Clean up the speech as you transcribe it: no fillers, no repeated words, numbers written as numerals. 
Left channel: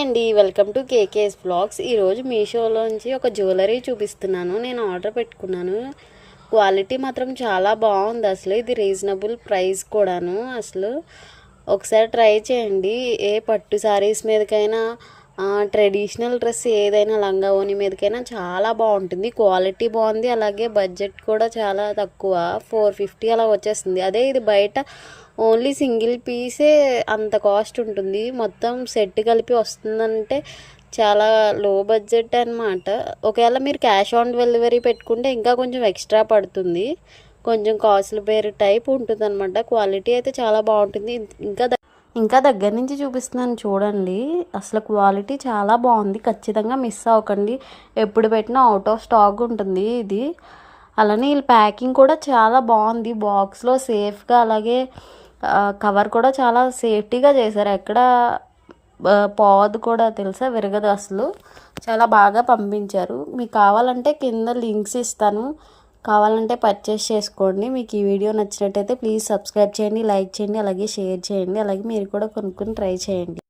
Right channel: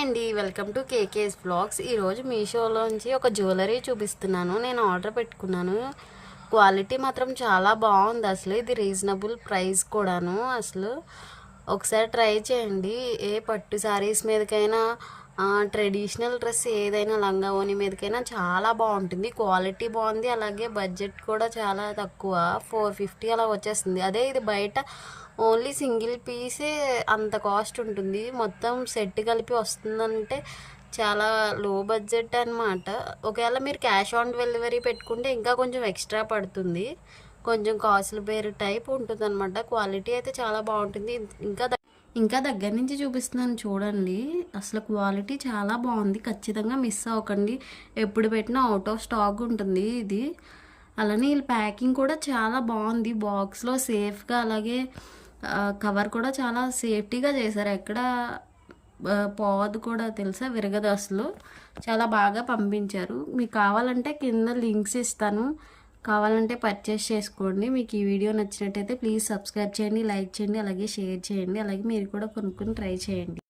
Hi అండి, welcome to KKS blogs. ఈరోజు మీషోలోంచి ఒక జ్యువెలరీ చూపిస్తున్నాను. నేను ఆర్డర్ పెట్టుకున్నాను. క్వాలిటీ మాత్రం చాలా బాగుంది. అసలు ఇది రీజనబుల్ ప్రైస్ కూడాను. అసలు ఒకసారి ట్రై చేయండి. ఏ పట్టు శారీస్ మీదకైనా, ట్రెడిషనల్ డ్రెస్ ఏదైనా లంగా ఓని మీదకైనా చాలా బాగుంటుంది. క్వాలిటీ బాగుంది, అలాగే బడ్జెట్ కూడా చాలా తక్కువ, 450 అలా వచ్చేస్తుంది. అదే ఇది బయట ఓన్లీ సింగిల్ పీసే అంత కాస్ట్ ఉంటుంది. మొత్తం సెట్ కలిపి వస్తుందంటే చాలా లో బడ్జెట్ అనమాట. ఒకవేళ మీరు క్యాష్ ఆన్ డెలివరీ పెట్టుకుంటే ఇంకా కొంచెం ఎక్స్ట్రా పడుతుంది. కొంచెం కాస్ట్లీ బేర్ టైప్ ఉంటుంది అనమాట. క్వాలిటీ అయితే చాలా బాగుంటుంది. ఇంకా దగ్గర నుంచి చూపిస్తున్నాను చూడండి. అసలు క్వాలిటీ చాలా బాగుంది. ఖచ్చితంగా మిస్ అవ్వకండి. ఎప్పుడు పెట్టినా అవుట్ ఆఫ్ స్టాక్ ఉంటుంది ఇది. అలానే వీళ్ళ ప్యాకింగ్ కూడా చాలా బాగుంది. బాక్స్లో సేఫ్గా, అలాగే కవర్ కూడా చాలా సేఫ్టీగా చేశారు. ఎక్కడ పోవద్దు కూడా, తెలుసా, విరగదు అసలు. చాలా బాగా పంపించారు. మీకు కావాలంటే కింద లింక్స్ ఇస్తాను, కావాలంటే పర్చేస్ చేసుకోండి. మీకు ఈ వీడియో నచ్చినట్టయితే ప్లీజ్ సబ్స్క్రైబ్ చేయండి, లైక్ చేయండి, అలాగే షేర్ చేయండి. అలాగే మీరు కూడా కొనుక్కొని ట్రై చేయండి.